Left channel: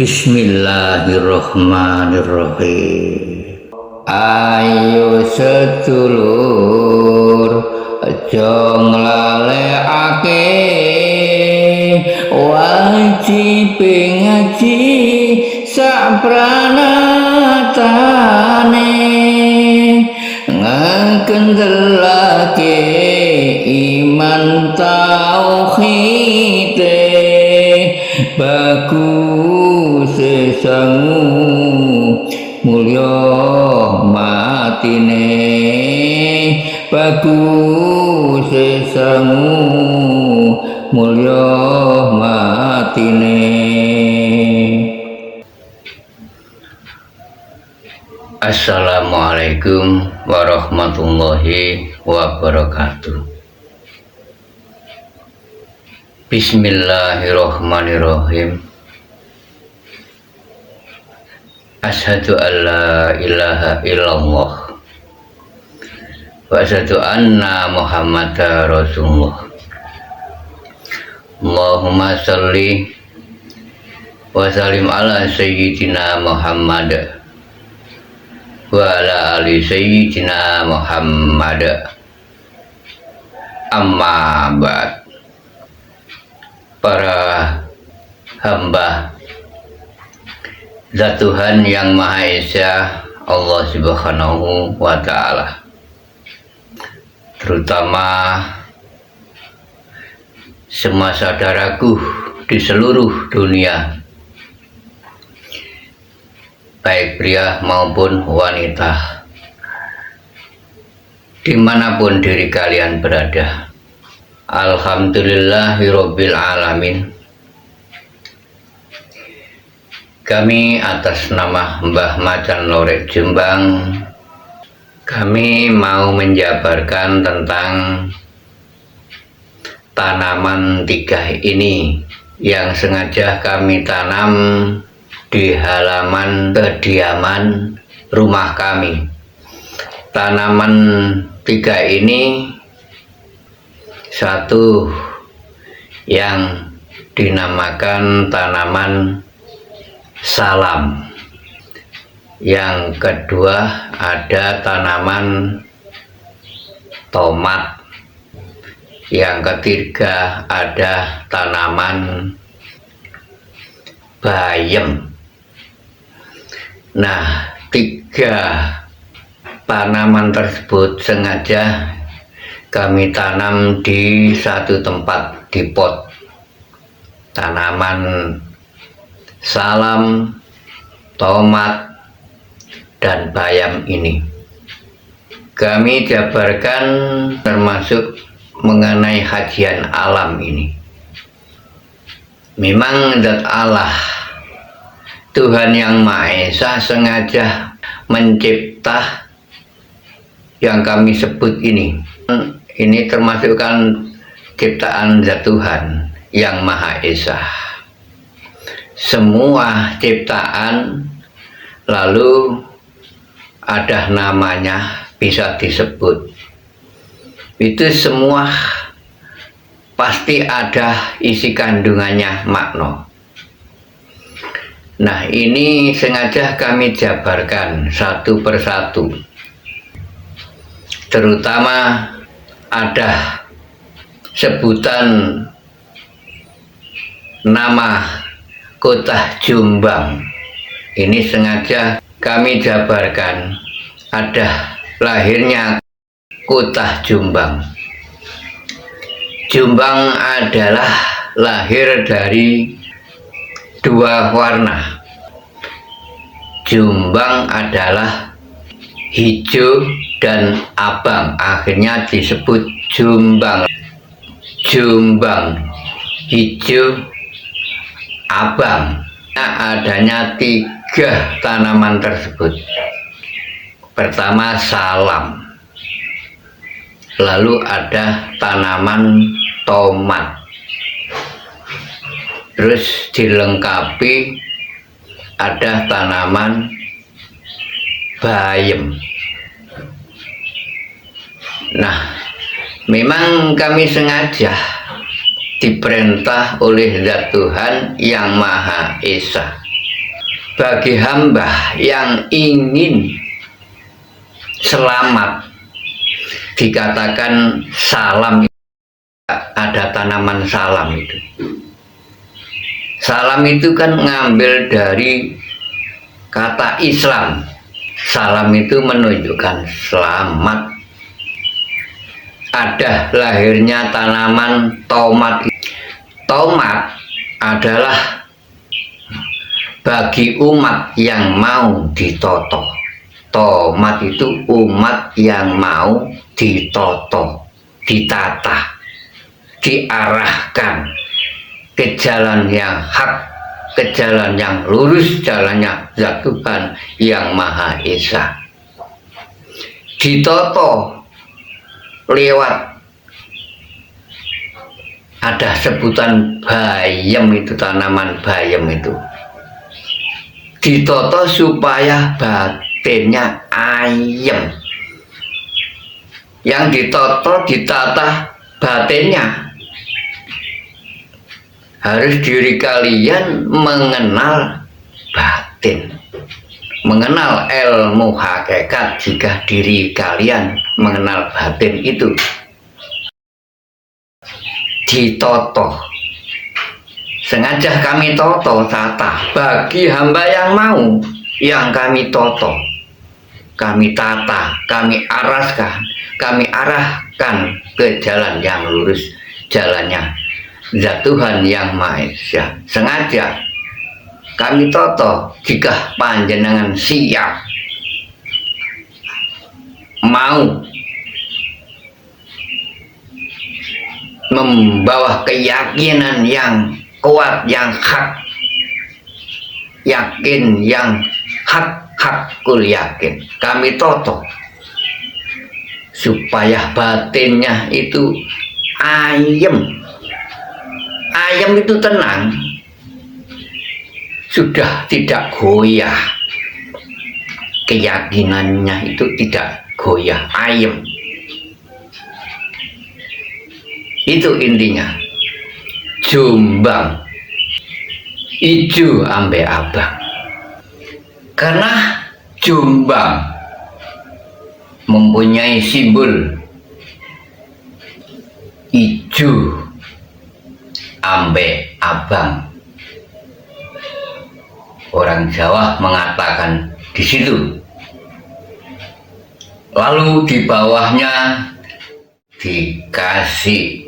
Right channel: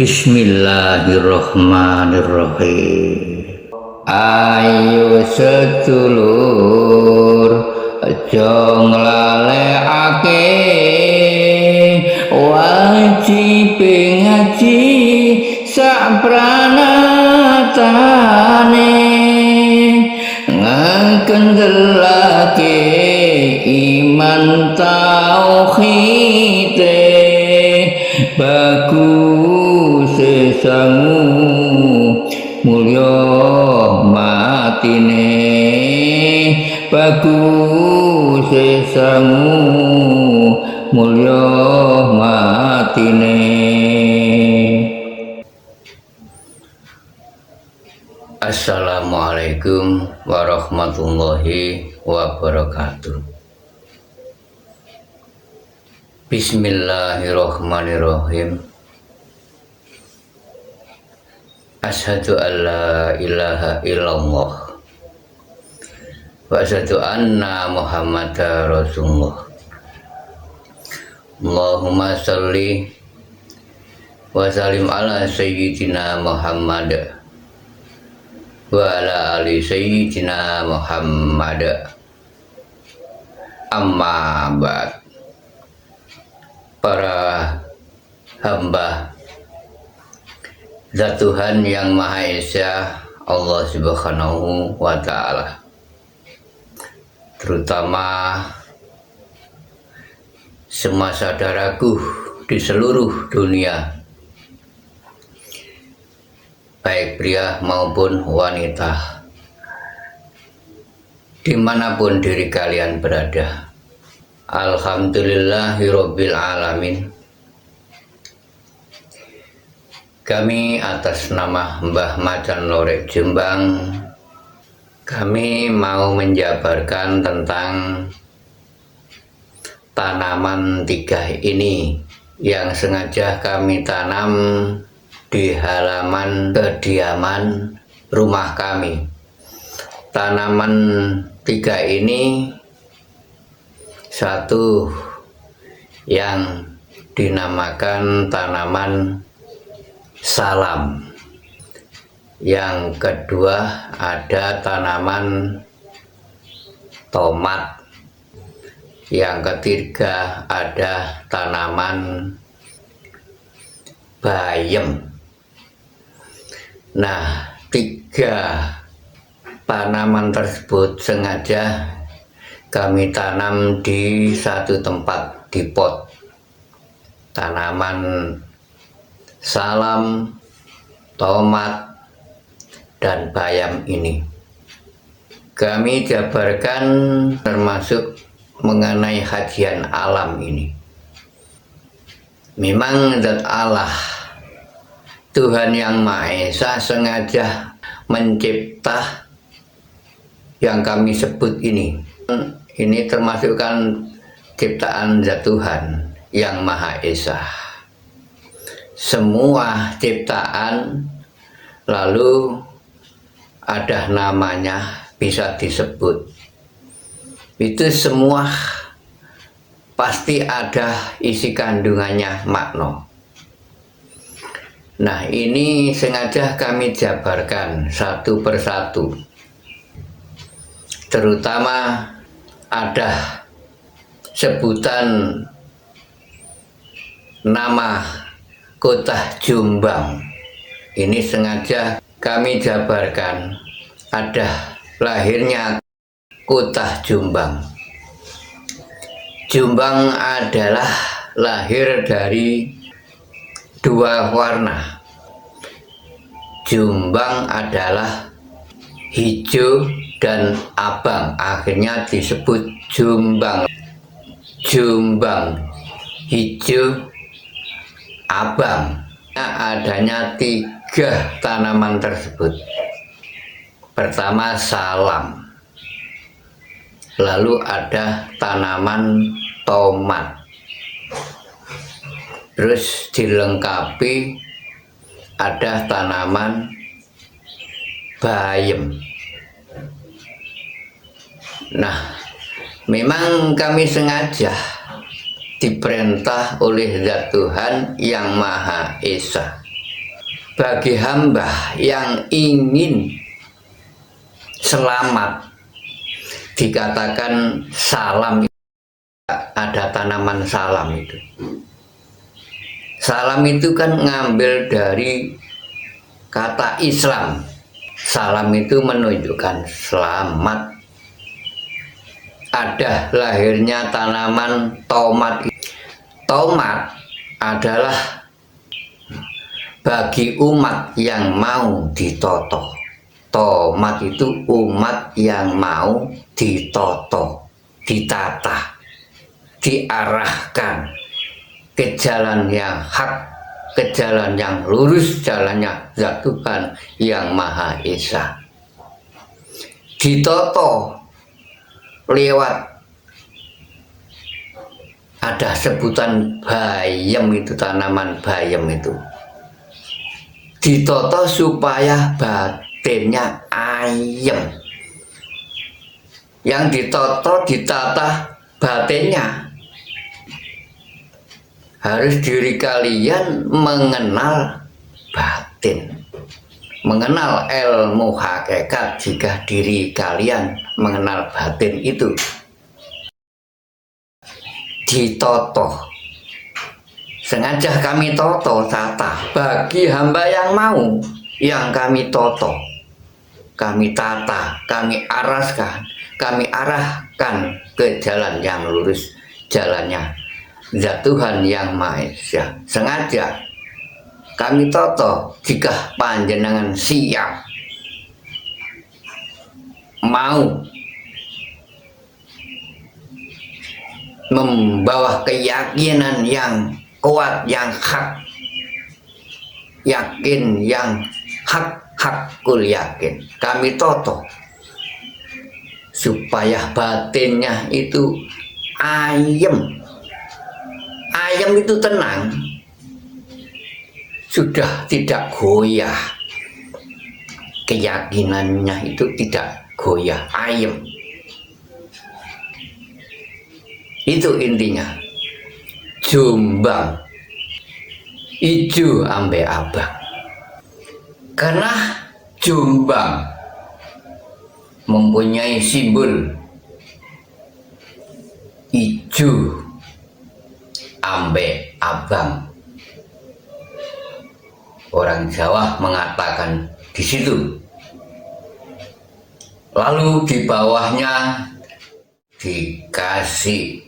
Bismillahirrahmanirrahim. Ayo sedulur aja nglalekake wajib ngaji sak pranatane ngekendelake iman tauhid bagus sangu mulya matine bagus sangu mulya matine. Assalamualaikum warahmatullahi wabarakatuh. Bismillahirrahmanirrahim. Asyhadu an la ilaha illallah wa asyhadu anna Muhammadar Rasulullah. Allahumma sholli wa sallim ala sayyidina Muhammad wa ala ali sayyidina Muhammad. Amma ba'd. Para hamba Zat Tuhan yang Maha Esa, Allah Subhanahu wa Ta'ala, terutama semua saudaraku di seluruh dunia, baik pria maupun wanita, dimanapun diri kalian berada. Alhamdulillahirabbil alamin. Kami atas nama Mbah Macan Lorek Jombang, kami mau menjabarkan tentang tanaman tiga ini yang sengaja kami tanam di halaman kediaman rumah kami. Tanaman tiga ini, satu yang dinamakan tanaman salam, yang kedua ada tanaman tomat, yang ketiga ada tanaman bayem. Nah, tiga tanaman tersebut sengaja kami tanam di satu tempat, di pot. Tanaman salam, tomat, dan bayam ini kami jabarkan termasuk mengenai kajian alam ini. Memang zat Allah, Tuhan yang Maha Esa, sengaja mencipta yang kami sebut ini. Ini termasuk kan ciptaan zat Tuhan yang Maha Esa. Semua ciptaan lalu ada namanya, bisa disebut. Itu semua pasti ada isi kandungannya makna. Nah, ini sengaja kami jabarkan satu persatu. Terutama ada sebutan nama Kota Jombang. Ini sengaja kami jabarkan, ada lahirnya Kota Jombang. Jombang adalah lahir dari dua warna. Jombang adalah hijau dan abang, akhirnya disebut Jombang. Jombang hijau abang. Nah, adanya tiga tanaman tersebut. Pertama salam, lalu ada tanaman tomat, terus dilengkapi ada tanaman bayem. Nah, memang kami sengaja diperintah oleh Zat Tuhan yang Maha Esa bagi hamba yang ingin selamat, dikatakan salam. Ada tanaman salam itu. Salam itu kan ngambil dari kata Islam. Salam itu menunjukkan selamat. Ada lahirnya tanaman tomat. Tomat adalah bagi umat yang mau ditoto. Tomat itu umat yang mau ditoto, ditata, diarahkan ke jalan yang hak, ke jalan yang lurus, jalannya Zat Tuhan yang Maha Esa. Ditoto lewat, ada sebutan bayam, itu tanaman bayam itu ditoto supaya batinnya ayem. Yang ditoto, ditata batinnya. Harus diri kalian mengenal batin, mengenal ilmu hakikat. Jika diri kalian mengenal batin itu ditoto, sengaja kami toto tata bagi hamba yang mau, yang kami toto, kami tata, kami arahkan ke jalan yang lurus, jalannya Zat Tuhan yang Maha Esa. Sengaja kami toto. Jika panjenengan siap mau membawa keyakinan yang kuat, yang hak, yakin, yang hakul yakin, kami toto supaya batinnya itu ayem. Ayem itu tenang, sudah tidak goyah, keyakinannya itu tidak goyah, ayem. Itu intinya. Jombang ijo ambe abang. Karena Jombang mempunyai simbol ijo ambe abang. Orang Jawa mengatakan di situ. Lalu di bawahnya dikasih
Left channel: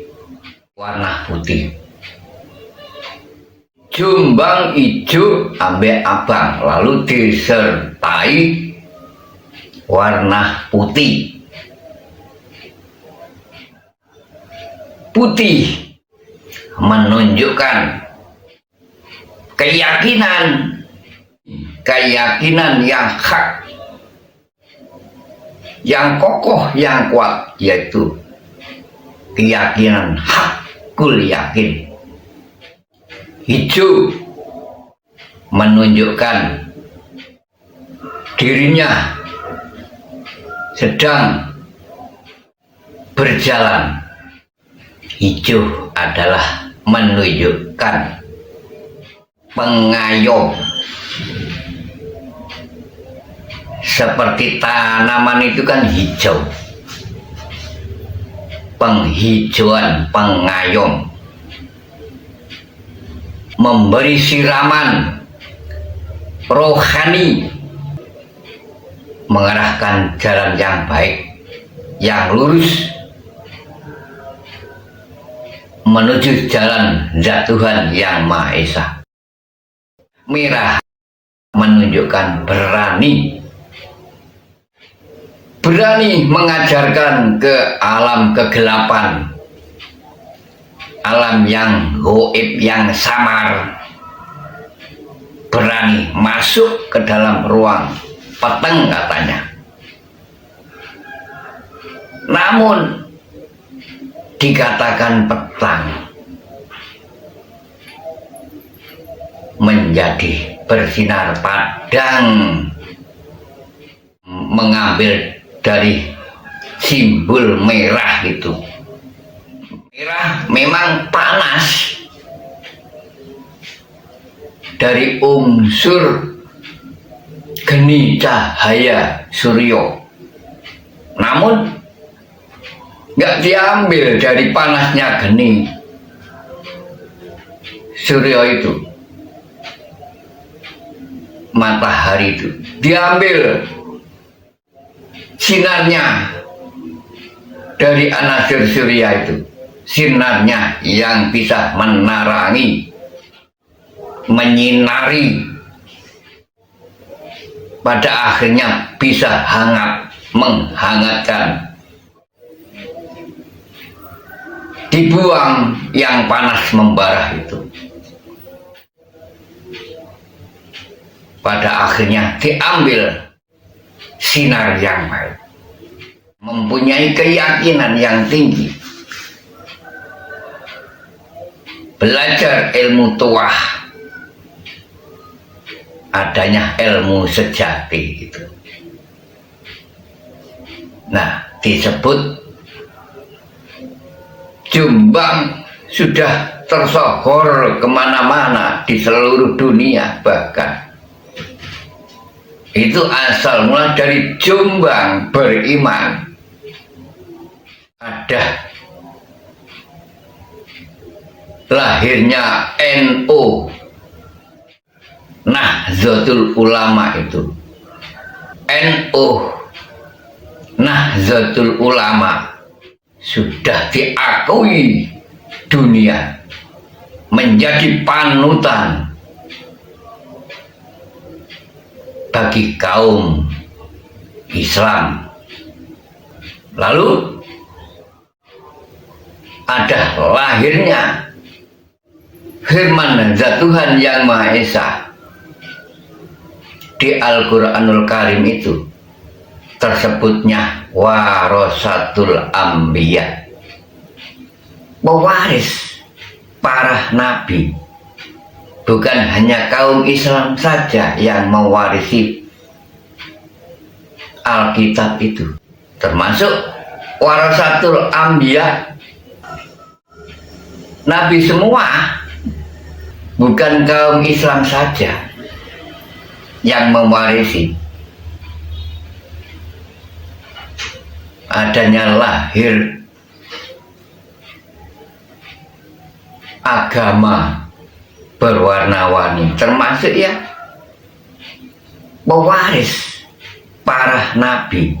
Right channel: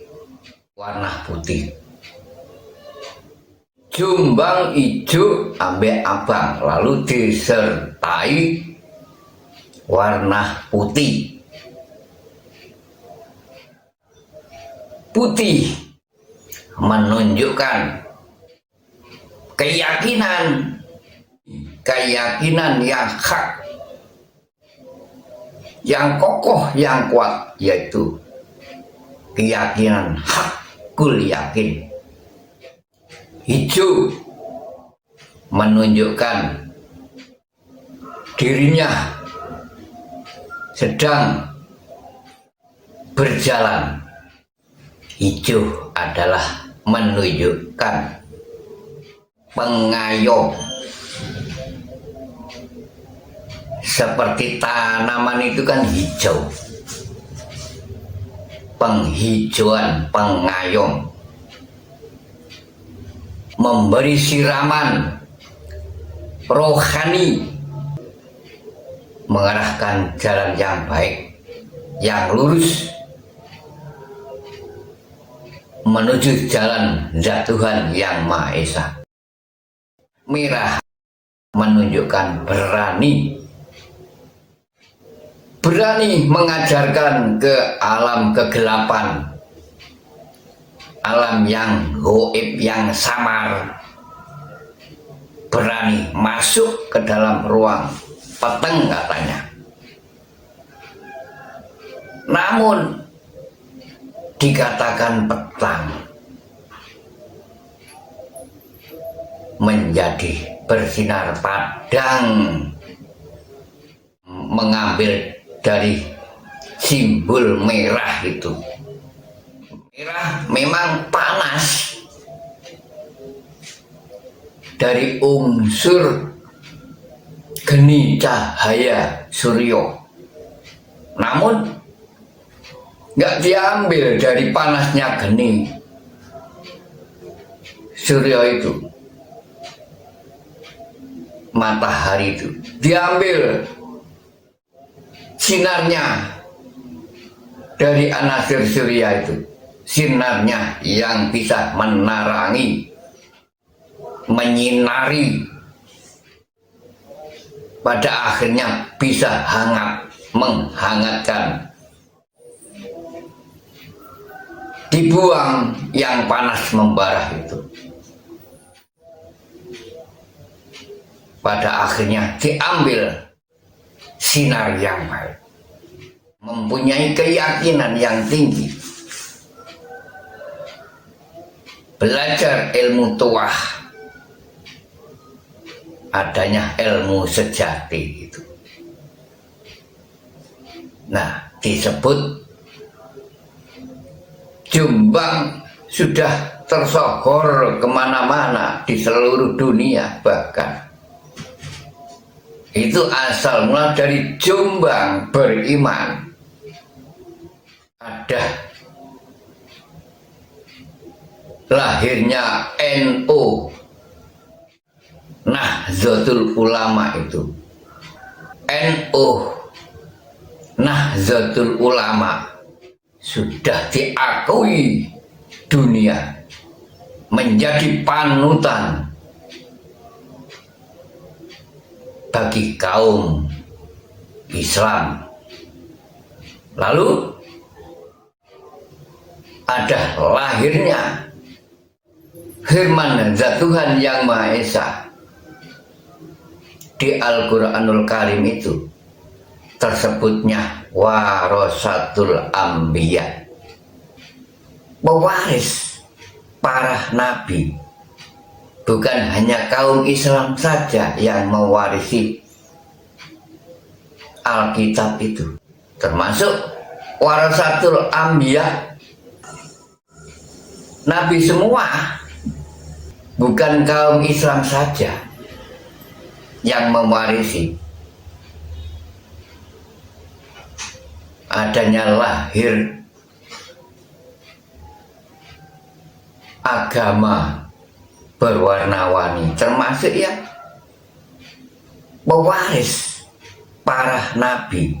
warna putih. Jombang ijo ambe abang, lalu disertai warna putih. Putih menunjukkan keyakinan yang hak, yang kokoh, yang kuat, yaitu keyakinan hakul yakin. Hijau menunjukkan dirinya sedang berjalan. Hijau adalah menunjukkan pengayom, seperti tanaman itu kan hijau, penghijauan, pengayom, memberi siraman rohani, mengarahkan jalan yang baik, yang lurus, menuju jalan Zat Tuhan yang Maha Esa. Merah menunjukkan berani, berani mengajarkan ke alam kegelapan, alam yang gaib, yang samar. Berani masuk ke dalam ruang peteng katanya. Namun dikatakan petang menjadi bersinar padang, mengambil dari simbol merah itu. Merah memang panas, dari unsur geni cahaya surya. Namun nggak diambil dari panasnya geni surya itu, matahari itu, diambil sinarnya dari anasir surya itu, sinarnya yang bisa menerangi, menyinari, pada akhirnya bisa hangat, menghangatkan. Dibuang yang panas membara itu, pada akhirnya diambil sinar yang baik, mempunyai keyakinan yang tinggi, belajar ilmu tuah, adanya ilmu sejati itu. Nah, disebut Jombang sudah tersohor kemana-mana di seluruh dunia, bahkan itu asal mula dari Jombang beriman. Ada lahirnya NU, Nahdlatul Ulama itu. NU, Nahdlatul Ulama sudah diakui dunia menjadi panutan bagi kaum Islam. Lalu ada lahirnya firman zat Tuhan Yang Maha Esa di Al-Quranul Karim itu, tersebutnya warasatul anbiya, pewaris para nabi. Bukan hanya kaum Islam saja yang mewarisi Alkitab itu, termasuk warasatul anbiya, nabi semua. Bukan kaum Islam saja yang mewarisi. Adanya lahir agama berwarna-warni, termasuk ya pewaris para nabi.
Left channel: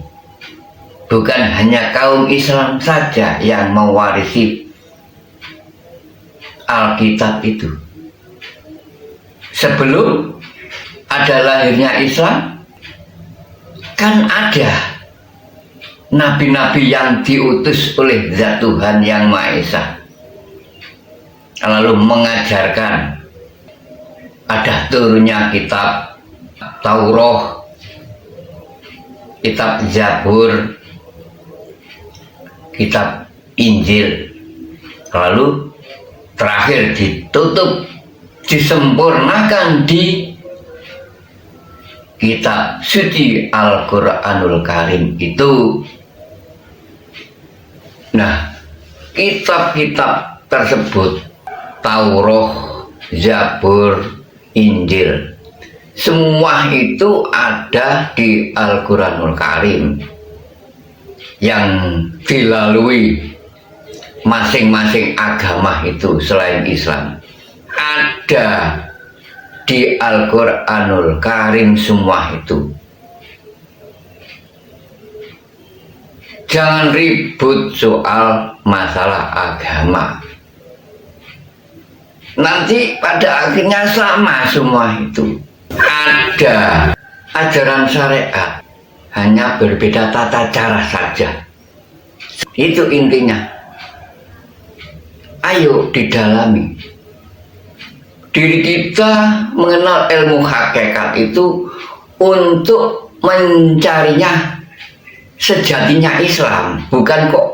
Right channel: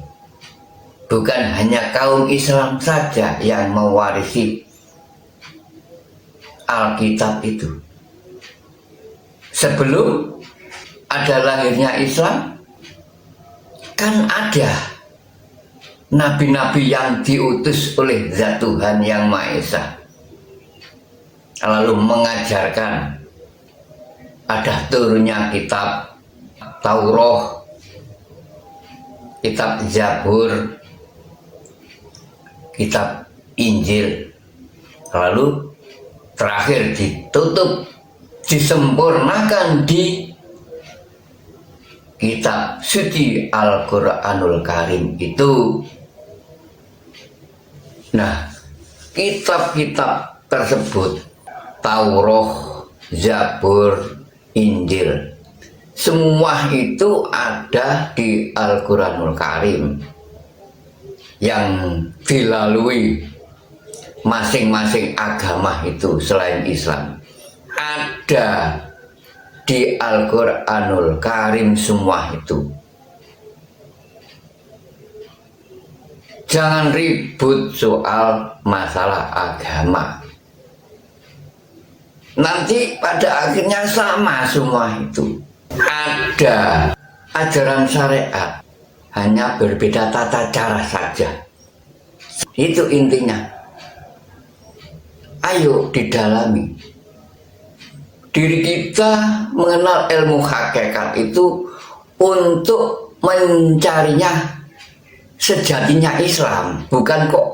Bukan hanya kaum Islam saja yang mewarisi Alkitab itu. Sebelum ada lahirnya Islam, kan ada nabi-nabi yang diutus oleh zat Tuhan Yang Maha Esa, lalu mengajarkan. Ada turunnya kitab Taurat, kitab Zabur, kitab Injil, lalu terakhir ditutup, disempurnakan di kitab suci Al-Quranul Karim itu. Nah, kitab-kitab tersebut, Taurat, Zabur, Injil, semua itu ada di Al-Quranul Karim yang dilalui masing-masing agama itu selain Islam. Ada di Al-Quranul Karim semua itu. Jangan ribut soal masalah agama. Nanti pada akhirnya sama semua itu. Ada ajaran syariat, hanya berbeda tata cara saja. Itu intinya. Ayo didalami. Diri kita mengenal ilmu hakikat itu untuk mencarinya sejatinya Islam, bukan kok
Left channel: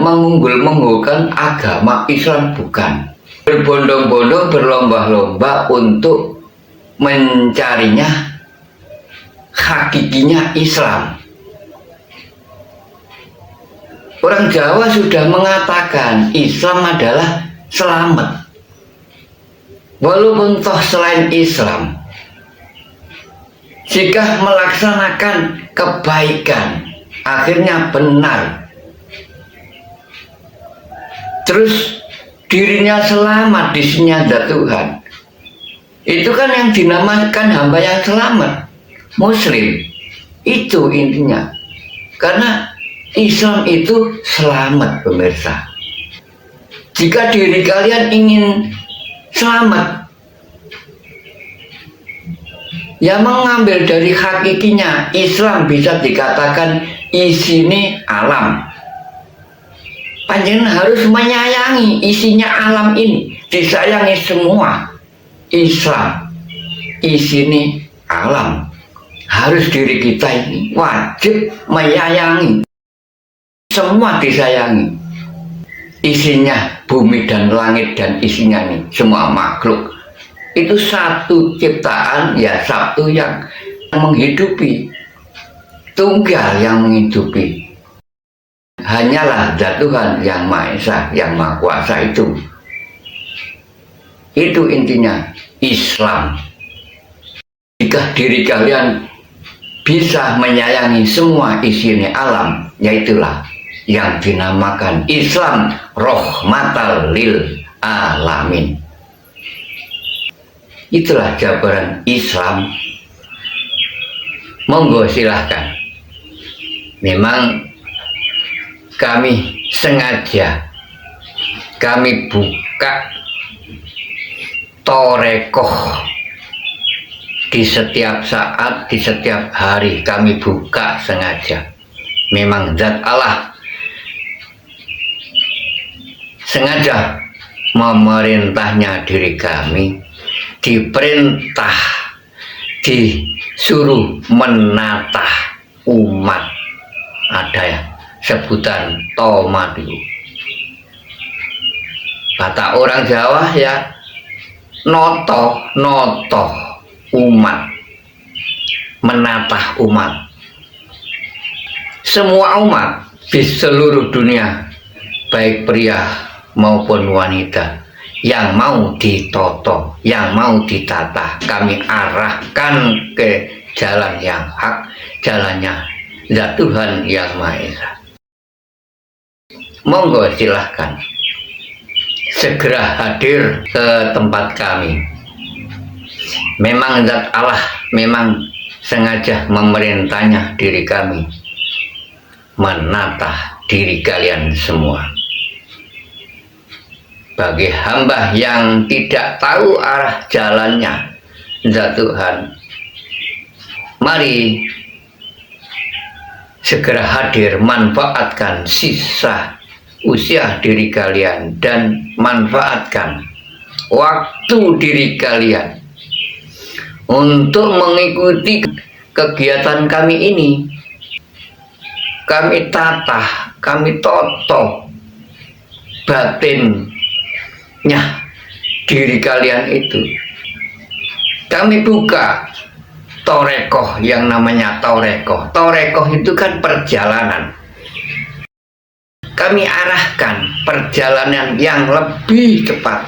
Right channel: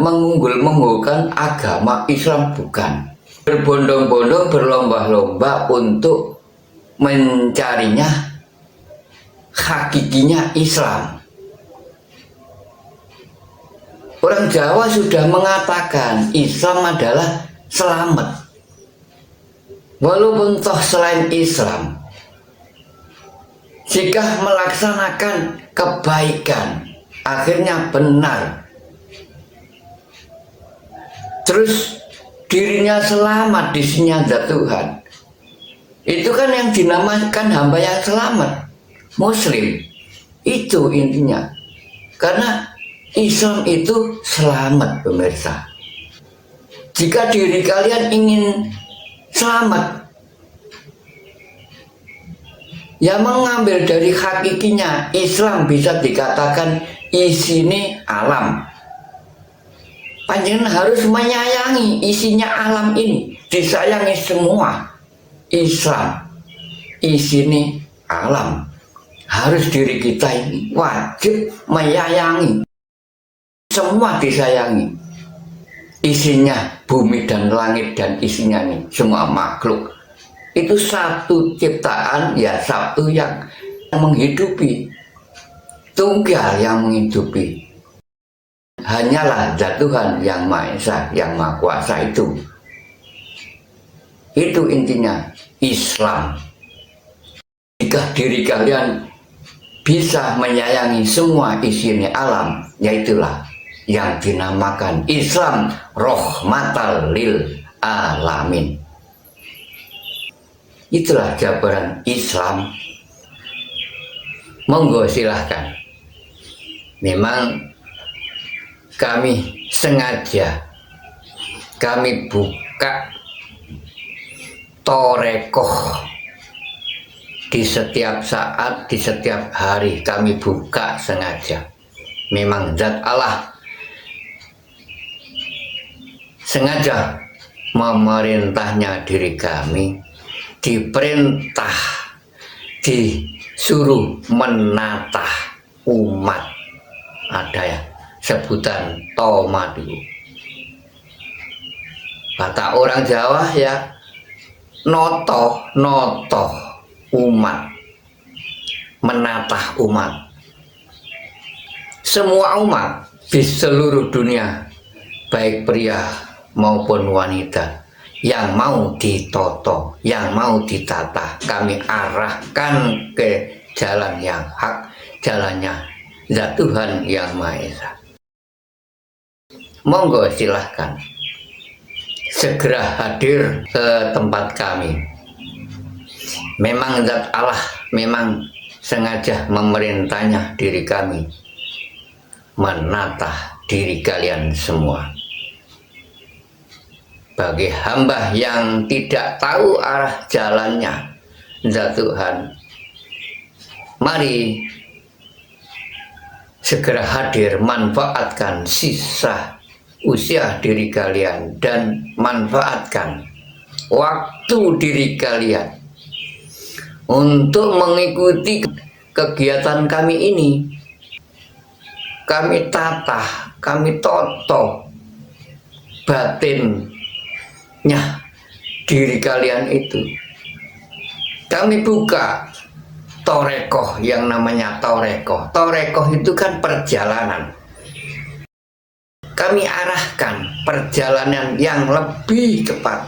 mengunggul-unggulkan agama Islam, bukan. Berbondong-bondong, berlomba-lomba untuk mencarinya hakikinya Islam. Orang Jawa sudah mengatakan Islam adalah selamat. Walaupun toh selain Islam Jika melaksanakan kebaikan, akhirnya benar. Terus dirinya selamat di sisi zat Tuhan. Itu kan yang dinamakan hamba yang selamat, Muslim. Itu intinya. Karena Islam itu selamat, pemirsa. Jika diri kalian ingin selamat, ya mengambil dari hakikinya, Islam bisa dikatakan isine alam. Panjenengan harus menyayangi isinya alam ini, disayangi semua. Islam isine alam, harus diri kita ini wajib menyayangi, semua disayangi. Isinya bumi dan langit dan isinya ini semua makhluk. Itu satu ciptaan, ya satu yang menghidupi, tunggal yang menghidupi. Hanyalah zat Tuhan yang Maha Esa, yang Maha Kuasa itu. Itu intinya Islam. Jika diri kalian bisa menyayangi semua isinya alam, yaitulah yang dinamakan Islam rahmatal lil alamin. Itulah jabaran Islam. Monggo silahkan. Memang kami sengaja kami buka torekoh di setiap saat, di setiap hari kami buka sengaja. Memang zat Allah sengaja memerintahnya diri kami, diperintah, disuruh menatah umat. Ada ya sebutan tomat itu. Kata orang Jawa ya, noto umat, menatah umat. Semua umat di seluruh dunia, baik pria maupun wanita, yang mau ditoto, yang mau ditata, kami arahkan ke jalan yang hak, jalannya zat Tuhan yang Maha Esa. Monggo silahkan segera hadir ke tempat kami. Memang zat Allah memang sengaja memerintahnya diri kami menatah diri kalian semua. Bagi hamba yang tidak tahu arah jalannya zat Tuhan, mari segera hadir, manfaatkan sisa usia diri kalian dan manfaatkan waktu diri kalian untuk mengikuti kegiatan kami ini. Kami tatah, kami toto batinnya diri kalian itu. Kami buka torekoh yang namanya torekoh. Torekoh itu kan perjalanan. Kami arahkan perjalanan yang lebih cepat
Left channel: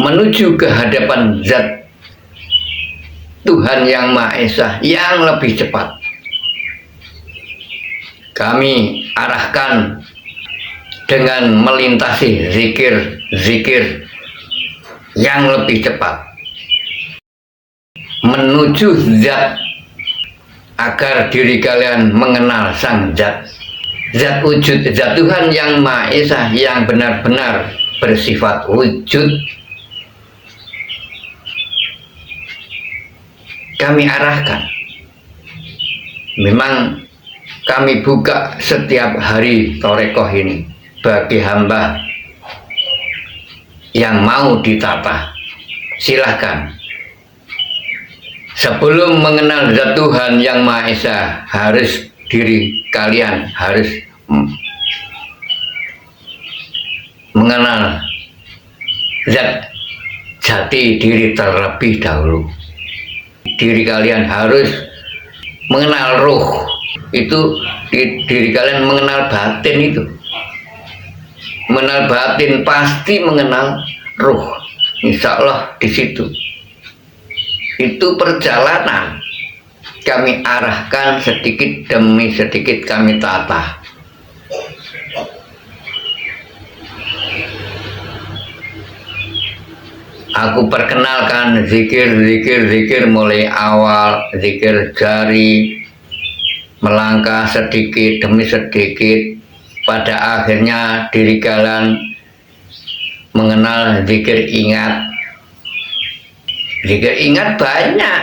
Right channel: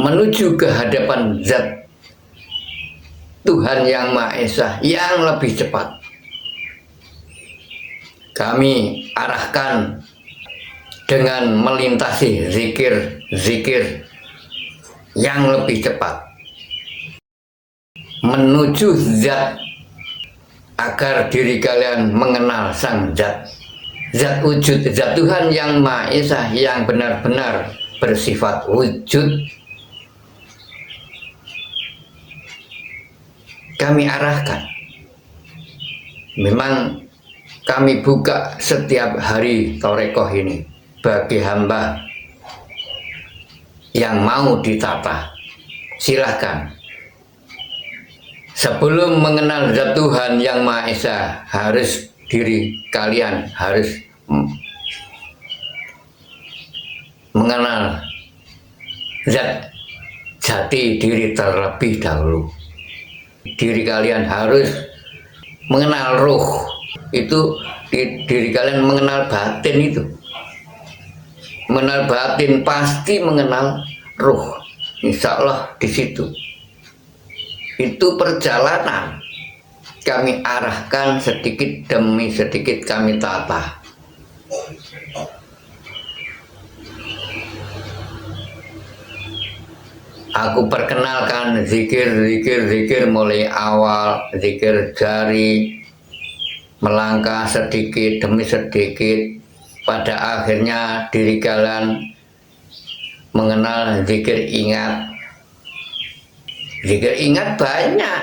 menuju ke hadapan zat Tuhan yang Maha Esa yang lebih cepat. Kami arahkan dengan melintasi zikir yang lebih cepat menuju zat, agar diri kalian mengenal sang zat wujud, zat Tuhan yang Maha Esa yang benar-benar bersifat wujud. Kami arahkan. Memang kami buka setiap hari torekoh ini bagi hamba yang mau ditata. Silahkan. Sebelum mengenal zat Tuhan yang Maha Esa, harus diri kalian harus mengenal zat jati diri terlebih dahulu. Diri kalian harus mengenal ruh. Itu diri kalian mengenal batin itu. Mengenal batin pasti mengenal ruh. Insya Allah di situ. itu perjalanan. Kami arahkan sedikit demi sedikit, kami tata. Aku perkenalkan zikir mulai awal, zikir jari, melangkah sedikit demi sedikit. Pada akhirnya diri kalian mengenal zikir ingat. Zikir ingat banyak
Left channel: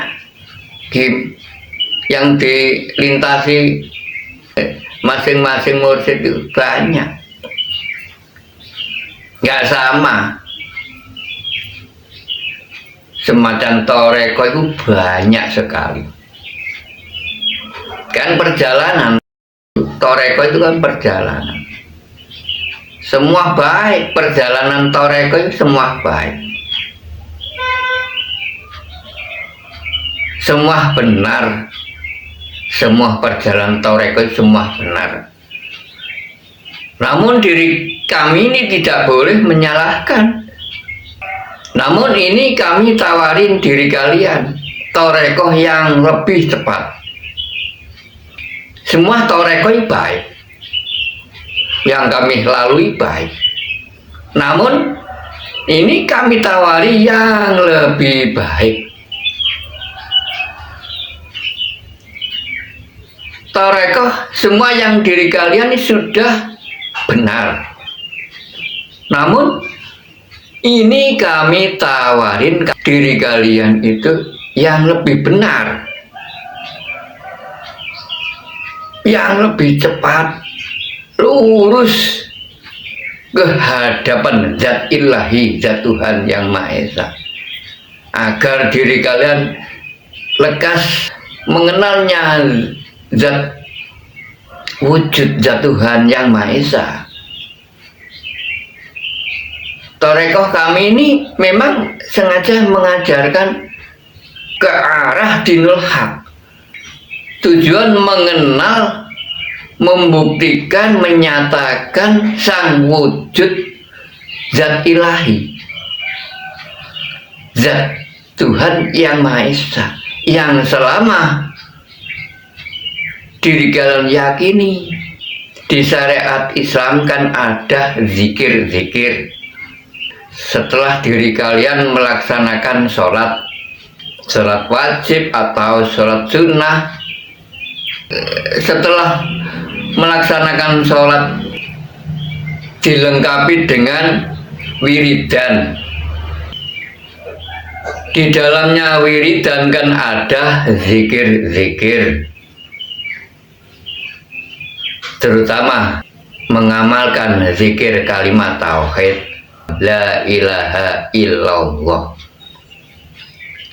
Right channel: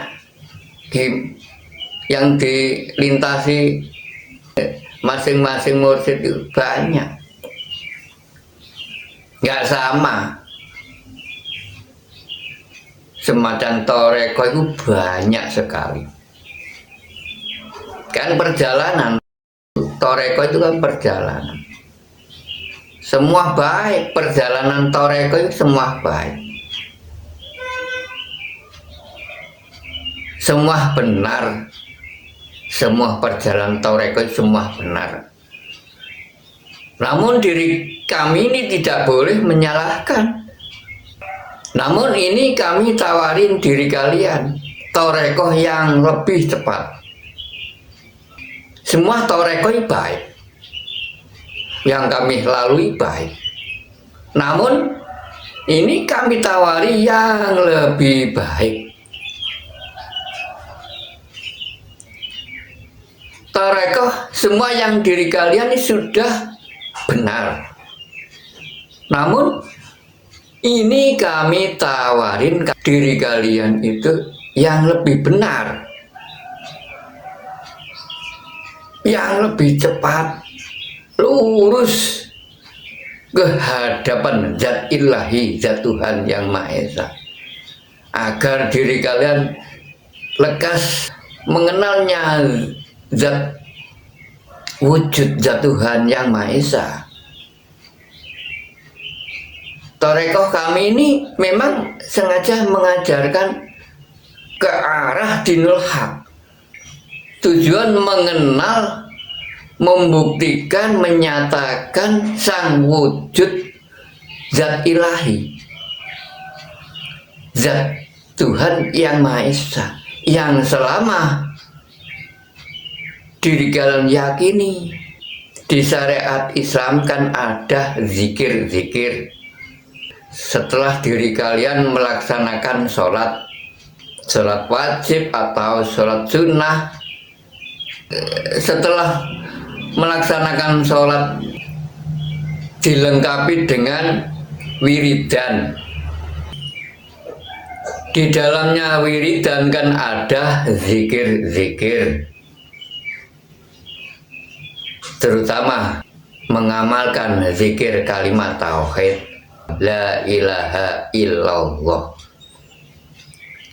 yang dilintasi masing-masing mursyid itu banyak. Nggak sama. Semacam toreko itu banyak sekali. Kan perjalanan, toreko itu kan perjalanan. Semua baik, perjalanan toreko itu semua baik. Semua benar. Semua perjalanan toreko itu semua benar. Namun diri kami ini tidak boleh menyalahkan. Namun ini kami tawarin diri kalian torekoh yang lebih cepat. Semua torekoh baik, yang kami lalui baik. Namun ini kami tawari yang lebih baik. Torekoh semua yang diri kalian ini sudah benar. Namun ini kami tawarin diri kalian itu yang lebih benar, yang lebih cepat, lurus ke hadapan zat ilahi, zat Tuhan yang Maha Esa, agar diri kalian lekas mengenalnya zat wujud zat Tuhan yang Maha Esa. Torekoh kami ini memang sengaja mengajarkan ke arah dinul haq. Tujuan mengenal, membuktikan, menyatakan sang wujud zat ilahi, zat Tuhan yang Maha Esa, yang selama diri kalian yakini di syariat Islam kan ada zikir-zikir. Setelah diri kalian melaksanakan sholat wajib atau sholat sunnah, setelah melaksanakan sholat dilengkapi dengan wiridan. Di dalamnya wiridan kan ada zikir-zikir, terutama mengamalkan zikir kalimat tauhid. La ilaha illallah.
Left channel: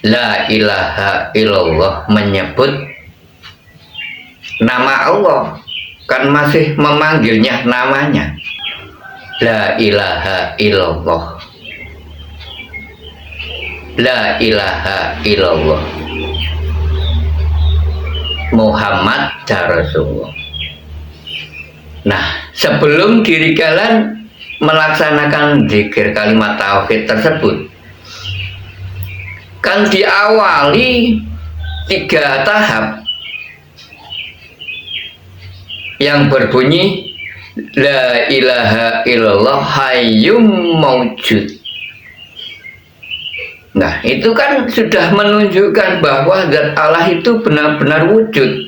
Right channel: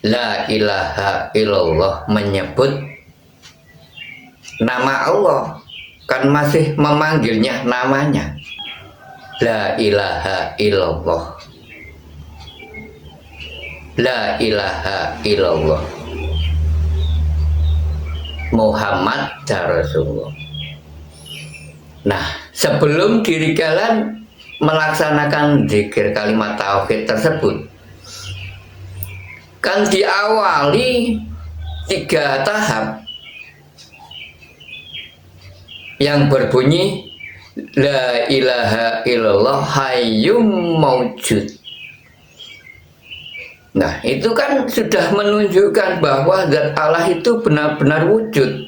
La ilaha illallah menyebut nama Allah, kan masih memanggilnya namanya. La ilaha illallah. La ilaha illallah. Muhammad Rasulullah. Nah, sebelum diri kalian melaksanakan zikir kalimat tauhid tersebut, kan diawali 3 tahap yang berbunyi la ilaha illallah hayyum maujud. Nah, itu kan sudah menunjukkan bahwa zat Allah itu benar-benar wujud.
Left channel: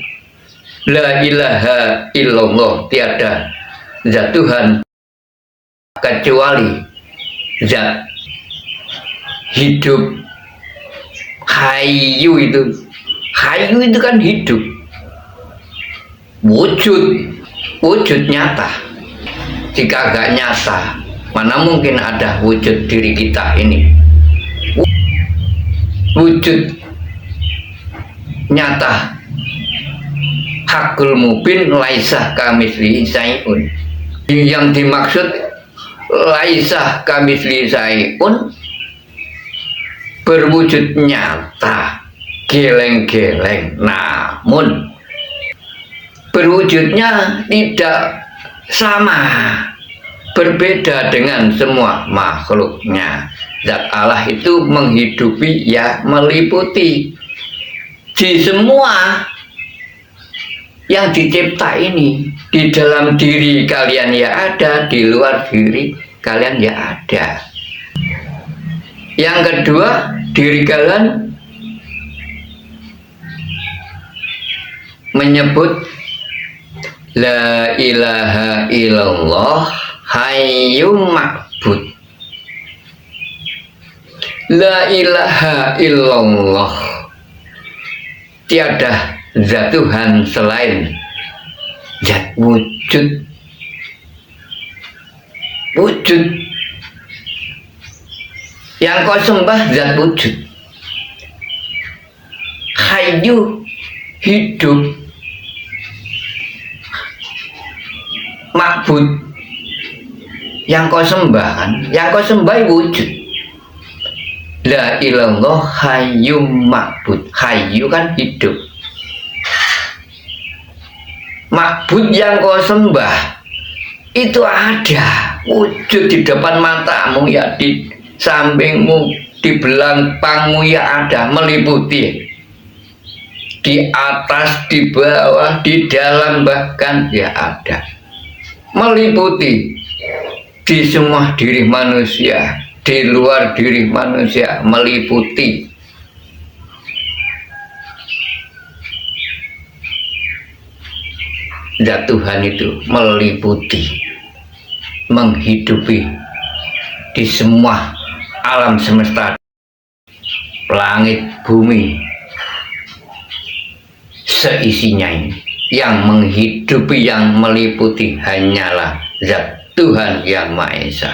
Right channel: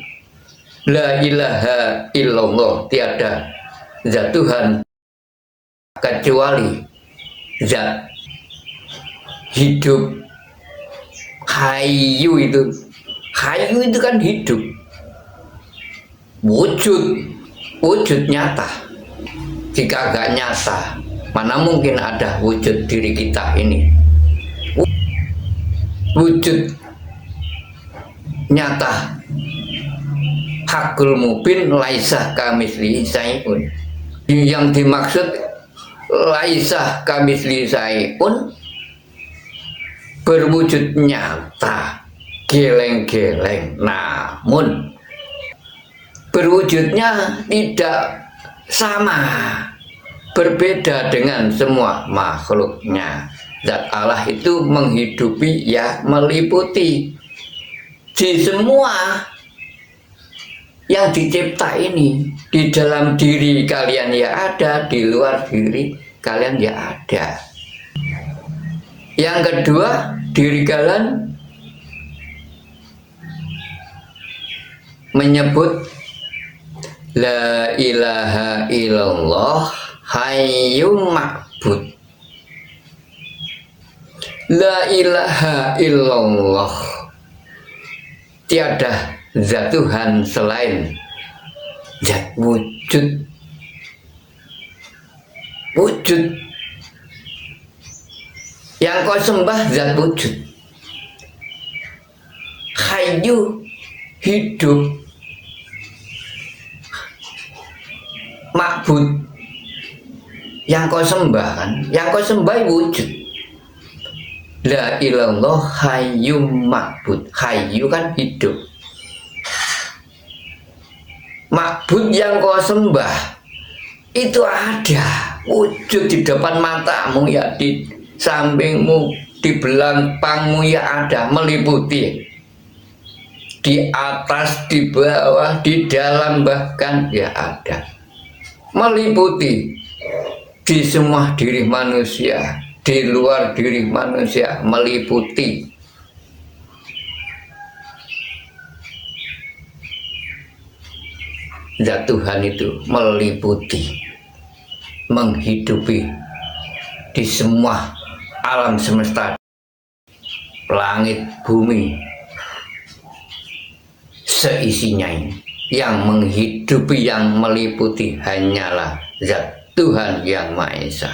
La ilaha illallah, tiada zat Tuhan kecuali zat hidup. Hayyu itu kan hidup, wujud nyata. Jika agak nyata, mana mungkin ada wujud diri kita ini, wujud nyata. Hakul mubin laisah kamislihi syai'un. Yang dimaksud laisah kamislihi syai'un berwujud nyata, geleng-geleng, namun berwujudnya tidak sama, berbeda dengan semua makhluknya. Zat Allah itu menghidupi, ya meliputi di semua yang dicipta ini. Di dalam diri kalian ya ada, di luar diri kalian ya ada. Yang kedua, diri kalian menyebut la ilaha illallah hayyum ma'bud. La ilaha illallah, tiada zat Tuhan selain zat wujud. Wujud yang kau sembah zat wujud. Hayyu, hidup. Ma'bud, yang kau sembah kan, yang kau sembah wujud. La ilallah hayyum ma'bud. Hayyu kan hidup. Ma'bud yang kau sembah itu ada, wujud di depan matamu, ya di sampingmu, di belakangmu ya ada, meliputi. Di atas, di bawah, di dalam bahkan ya ada. Meliputi di semua diri manusia, di luar diri manusia, meliputi. Zat Tuhan itu meliputi, menghidupi di semua alam semesta, langit, bumi, seisinya ini. Yang menghidupi, yang meliputi hanyalah Zat Tuhan Yang Maha Esa.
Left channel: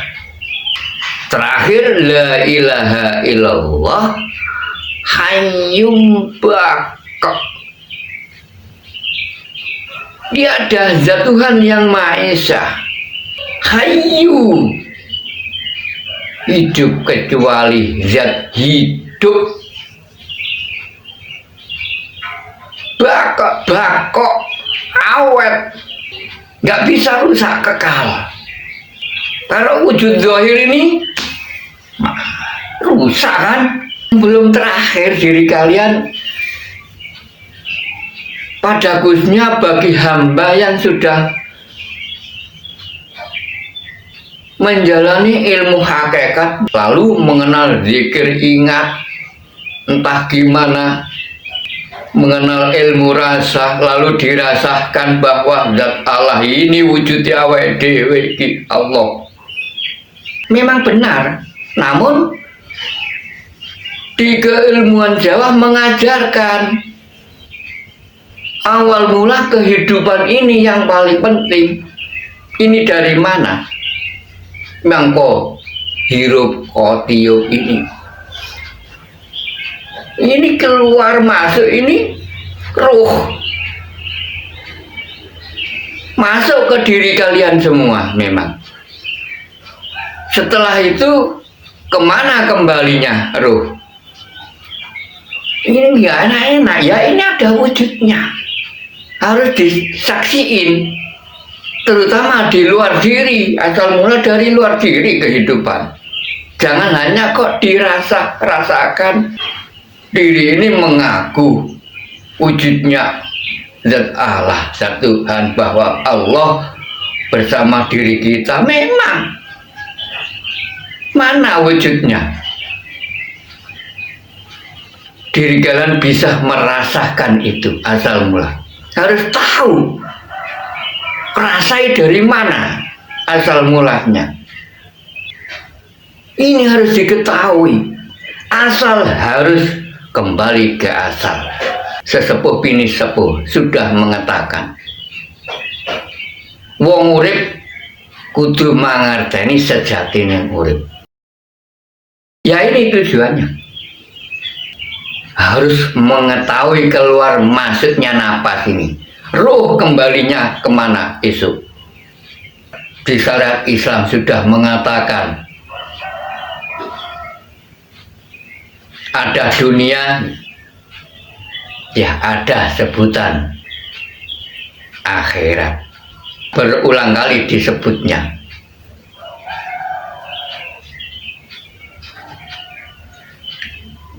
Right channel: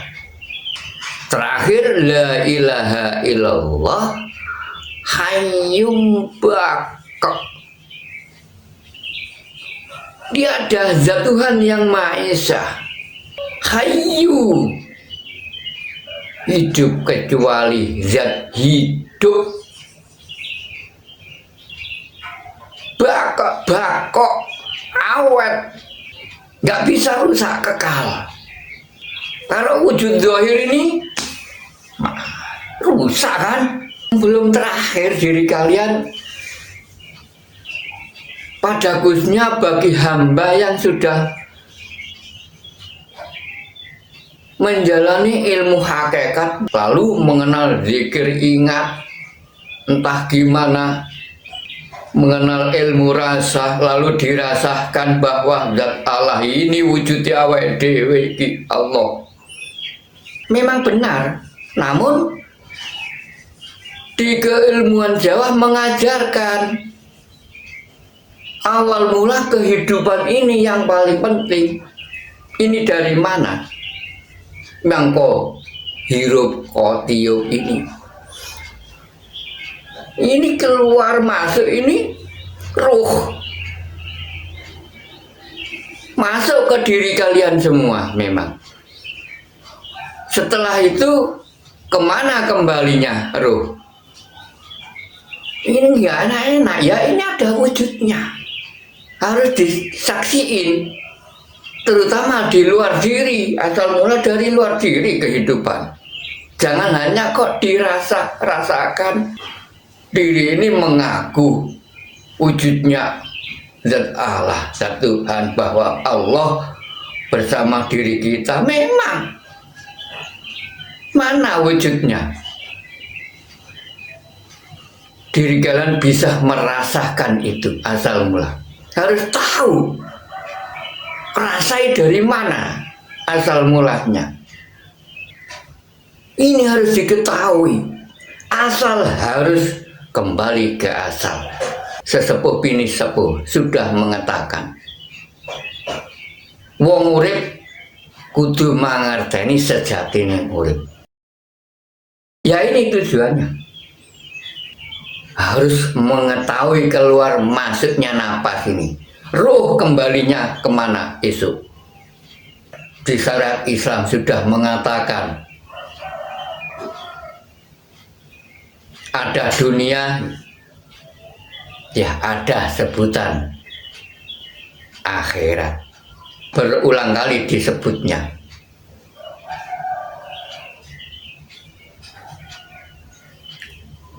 Terakhir, la ilaha illallah hayyum baqa. Dia ada Zat Tuhan Yang Maha Esa, hayyu, hidup kecuali zat hidup. Baqa, awet, nggak bisa rusak, kekal. Kalau wujud zahir ini rusak kan? Belum terakhir diri kalian. Pada khususnya bagi hamba yang sudah menjalani ilmu hakikat, lalu mengenal zikir, ingat, entah gimana, mengenal ilmu rasa, lalu dirasakan bahwa zat Allah ini wujudnya awake dhewe iki Allah. Memang benar, namun di keilmuan Jawa mengajarkan awal mula kehidupan ini yang paling penting. Ini dari mana? Mangko hirup kotiup ini. Ini keluar masuk, ini ruh masuk ke diri kalian semua memang. Setelah itu kemana kembalinya ruh? Ini nggak enak-enak ya, ini ada wujudnya, harus disaksiin, terutama di luar diri, asal mula dari luar diri kehidupan. Jangan hanya kok rasakan diri ini mengaku wujudnya zat Allah, zat Tuhan, bahwa Allah bersama diri kita. Memang mana wujudnya? Diri kalian bisa merasakan itu asal mula. Harus tahu rasai dari mana asal mulanya. Ini harus diketahui. Asal harus kembali ke asal. Sesepuh bini sepuh sudah mengatakan, wong urip kudu mangerteni sejatine urip. Ya ini tujuannya. Harus mengetahui keluar masuknya napas ini. Ruh kembalinya kemana esok. Di syariat Islam sudah mengatakan ada dunia, ya ada sebutan akhirat. Berulang kali disebutnya.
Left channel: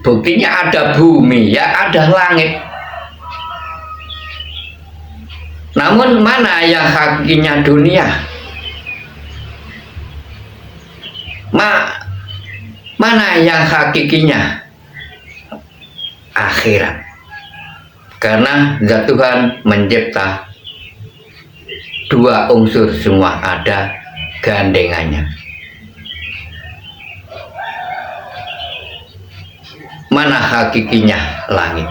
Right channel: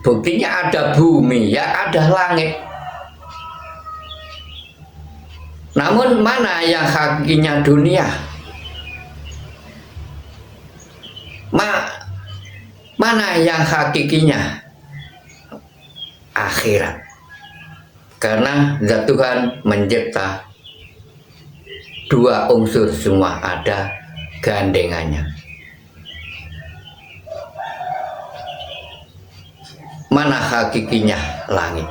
Buktinya ada bumi, ya ada langit. Namun mana yang hakikinya dunia? Mana yang hakikinya akhirat? Karena zat Tuhan mencipta dua unsur semua ada gandengannya. Mana hakikinya langit?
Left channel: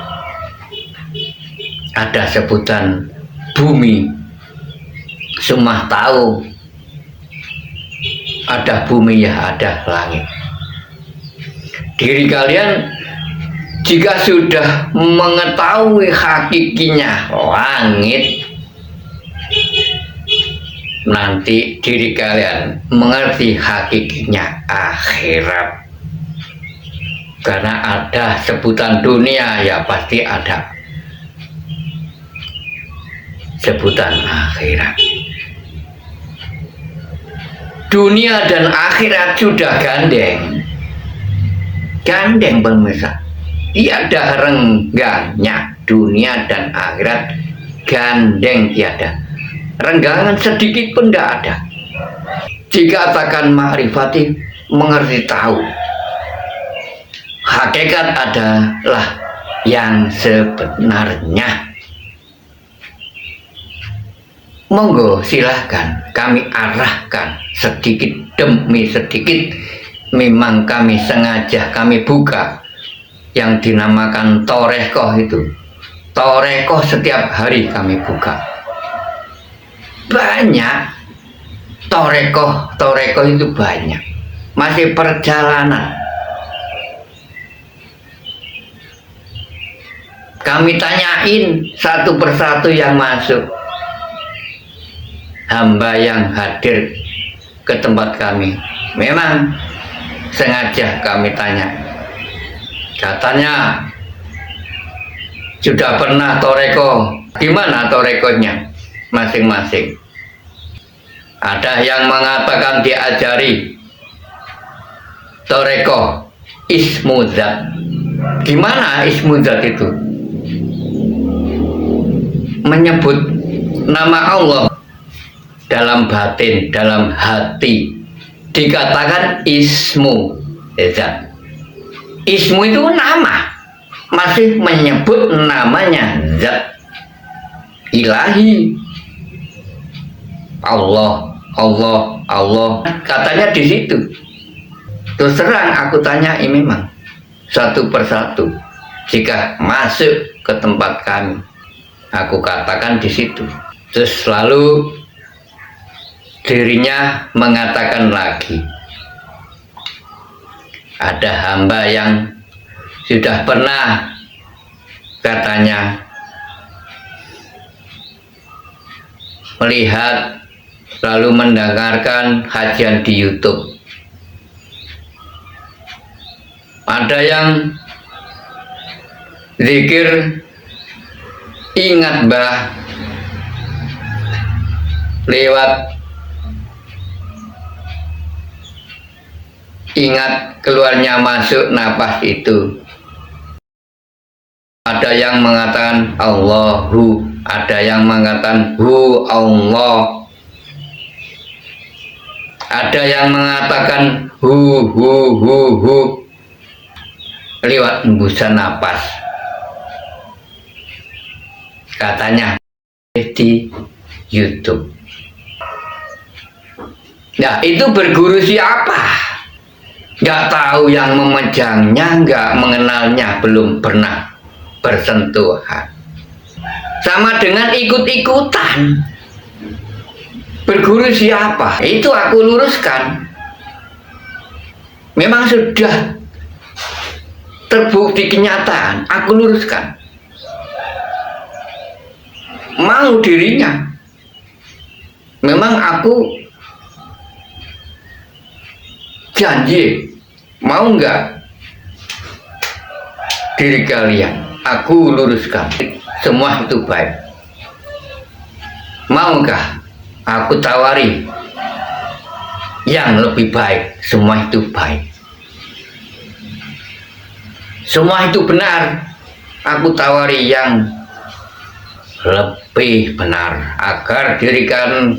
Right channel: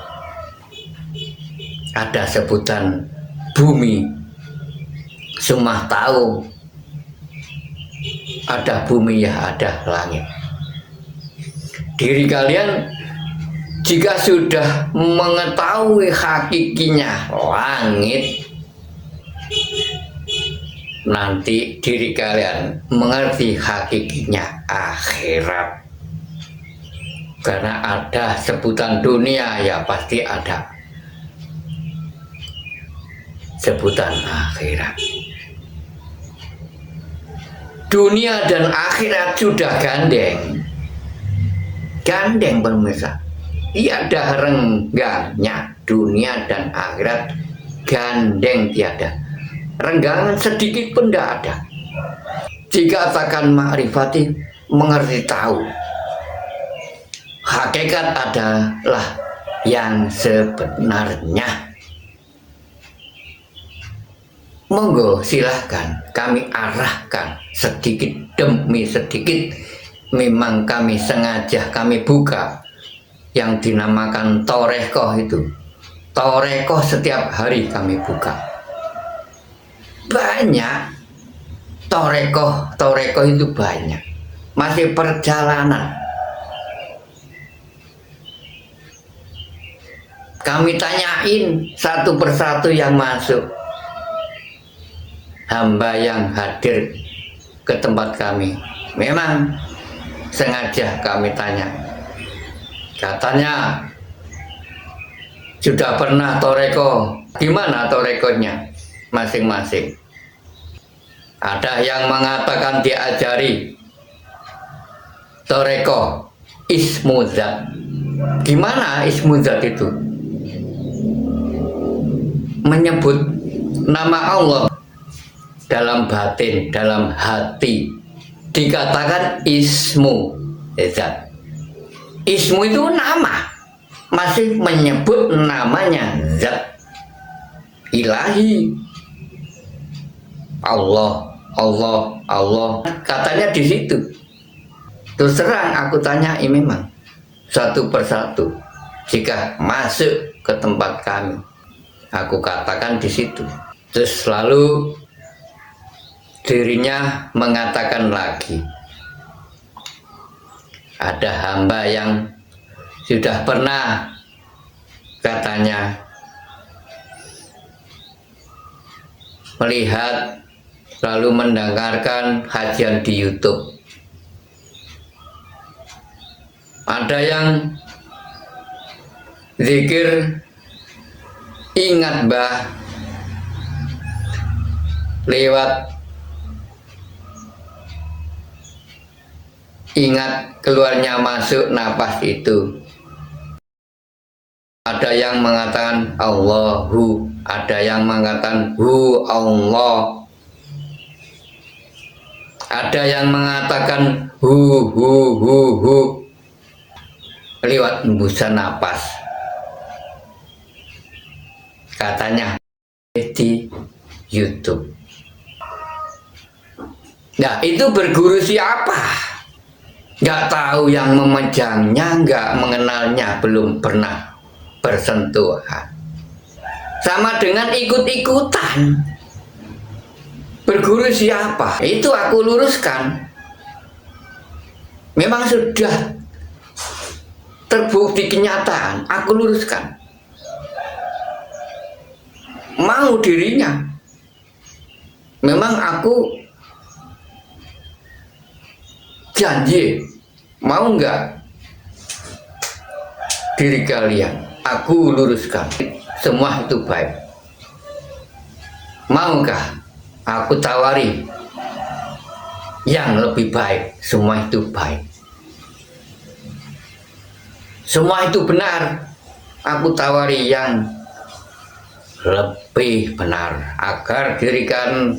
Ada sebutan bumi, semua tahu ada bumi ya ada langit. Diri kalian jika sudah mengetahui hakikinya langit, nanti diri kalian mengerti hakikinya akhirat. Karena ada sebutan dunia ya pasti ada sebutan akhirat. Dunia dan akhirat sudah gandeng pemirsa. Tiada renggangnya dunia dan akhirat, gandeng tiada. Renggangan sedikit pun tidak ada. Dikatakan ma'rifati, mengerti tahu. Hakikat adalah yang sebenarnya. Monggo silahkan kami arahkan sedikit demi sedikit. Memang kami sengaja kami buka yang dinamakan Torekoh itu. Torekoh setiap hari kami buka. Banyak Torekoh itu banyak. Masih perjalanan. Kami tanyain satu persatu yang masuk. Hamba yang hadir ke tempat kami, memang sengaja kami tanya. Katanya sudah pernah Toreko. Di mana Torekonya masing-masing? Ada yang mengatakan diajari Toreko Ismuzat. Gimana Ismuzat itu? Menyebut nama Allah dalam batin, dalam hati, dikatakan ismu zat. Ismu itu nama, masih menyebut namanya zat ilahi. Allah, katanya di situ. Terus terang aku tanyai memang satu persatu. Jika masuk ke tempat kami, aku katakan di situ. Terus selalu dirinya mengatakan lagi, ada hamba yang sudah pernah katanya melihat lalu mendengarkan kajian di YouTube. Ada yang zikir ingat Mbah lewat ingat keluarnya masuk napas itu. Ada yang mengatakan Allahu, ada yang mengatakan Hu Allah, ada yang mengatakan hu lewat hembusan napas. Katanya di YouTube. Nah, itu berguru siapa? Nggak tahu yang memejangnya, nggak mengenalnya, belum pernah bersentuhan. Sama dengan ikut-ikutan. Berguru siapa? Itu aku luruskan. Memang sudah terbukti kenyataan, aku luruskan. Mau dirinya. Memang aku janji. Mau nggak diri kalian? Aku luruskan. Semua itu baik. Maukah aku tawari yang lebih baik? Semua itu baik. Semua itu benar. Aku tawari yang lebih benar agar diri kalian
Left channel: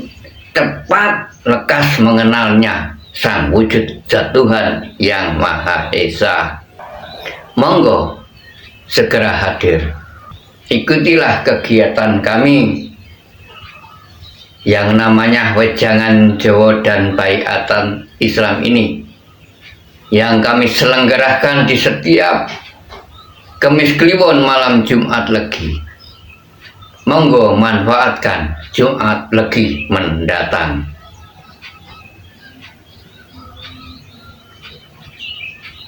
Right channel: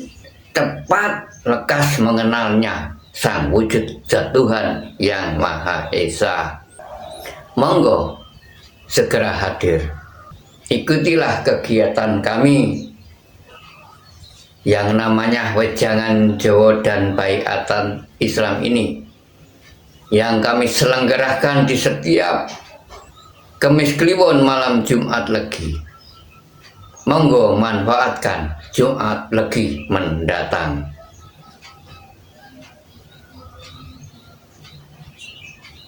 tepat lekas mengenalnya, Sang wujud zat Tuhan yang Maha Esa. Monggo segera hadir. Ikutilah kegiatan kami yang namanya Wejangan Jawa dan Baiatan Islam ini, yang kami selenggarakan di setiap Kemis Kliwon malam Jumat Legi. Monggo manfaatkan Jumat Legi mendatang.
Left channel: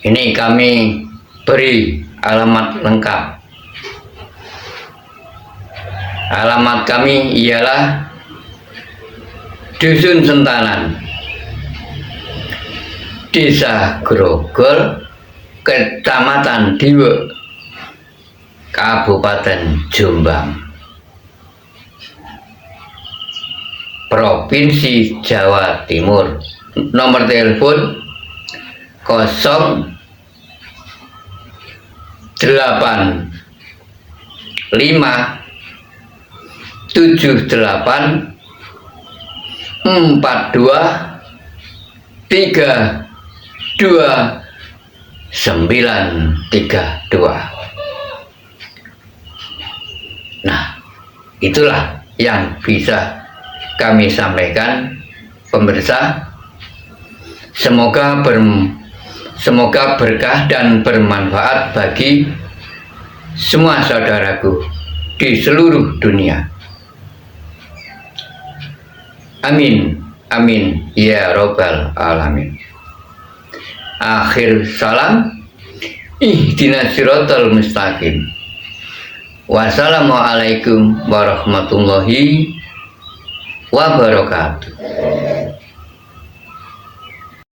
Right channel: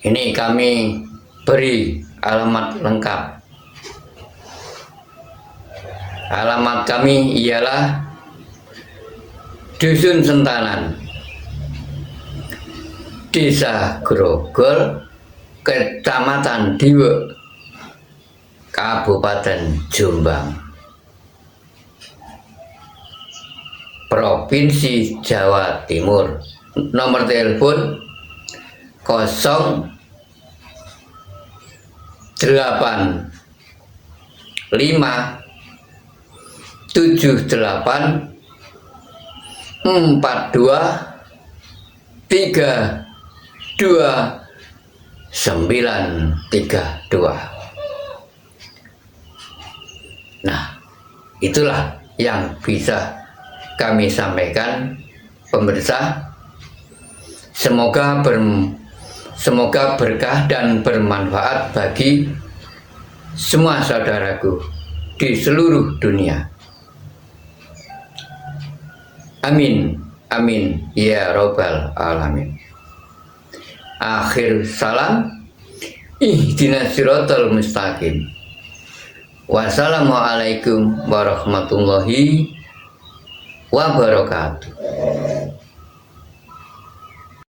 Ini kami beri alamat lengkap. Alamat kami ialah Dusun Sentanan, Desa Grogol, Kecamatan Diwe, Kabupaten Jombang, Provinsi Jawa Timur. Nomor telepon 08584232. Nah, itulah yang bisa kami sampaikan, pemirsa. Semoga berkah dan bermanfaat bagi semua saudaraku di seluruh dunia. Amin, amin, ya robbal alamin. Akhir salam, ihdinas siratal mustaqim. Wassalamualaikum warahmatullahi wabarakatuh.